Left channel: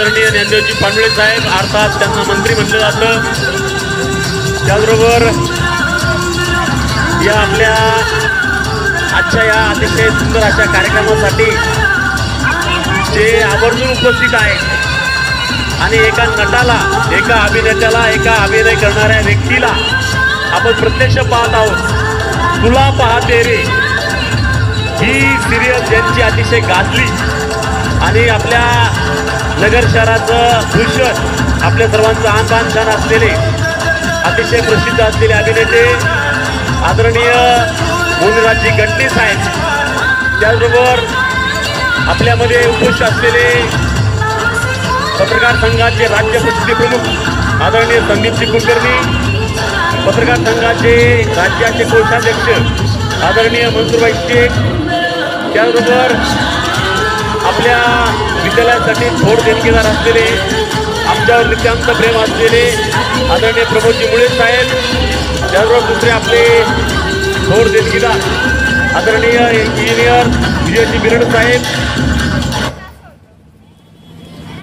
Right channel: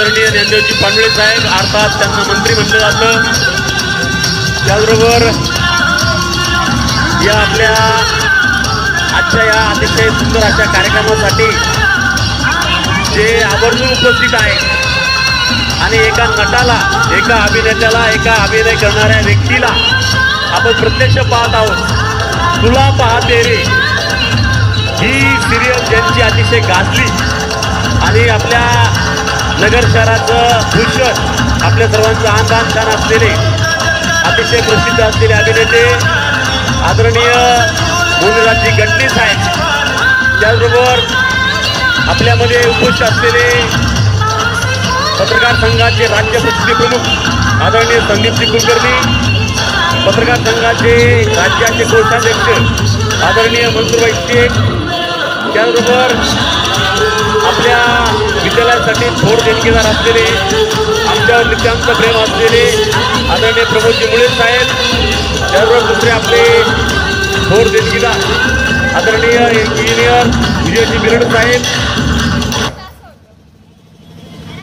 आदरणीय ज्ञानदेवजी पांडुळे साहेब, अर्थात त्यांना मंत्री म्हणलं जातं. त्याचबरोबर या आपल्या आजच्या या अतिशय सुंदर अशा कार्यक्रमासाठी जे आवर्जून उपस्थित आहेत आणि एका नटाला, एका अभिनेत्याला, एका अभिनय करणाऱ्या व्यक्तीला आपण प्रत्यक्ष पाहत आहोत. तुला पाहते रे ही सिरियल ज्यांची अतिशय गाजली आणि आपल्या नगर शहराचं भूषण, आपल्या सर्वांचं आणबाण छान असलेले अतिशय प्रसिद्ध असलेले अभिनेते आदरणीय मोनीराजजी गटणे साहेब, त्याचबरोबर आपल्यामध्ये उपस्थित असलेले पत्रकार संघाचे राज्य प्रसिद्धी प्रमुख आदरणीय संदीपजी कुलकर्णी, पत्रकार संघाचे राज्याचे कोषाध्यक्ष आदरणीय मनसूरभाई शेख, त्याचबरोबर आपल्या विद्यालयासाठी थोर देणगीदार असलेले, आमच्यावर नित्यांत प्रेम असलेले आदरणीय प्रमोदजी मुळे साहेब, त्याचबरोबर दुसरे आपले थोर देणगीदार आदरणीय इंजिनियर विजयजी बिरड साहेब,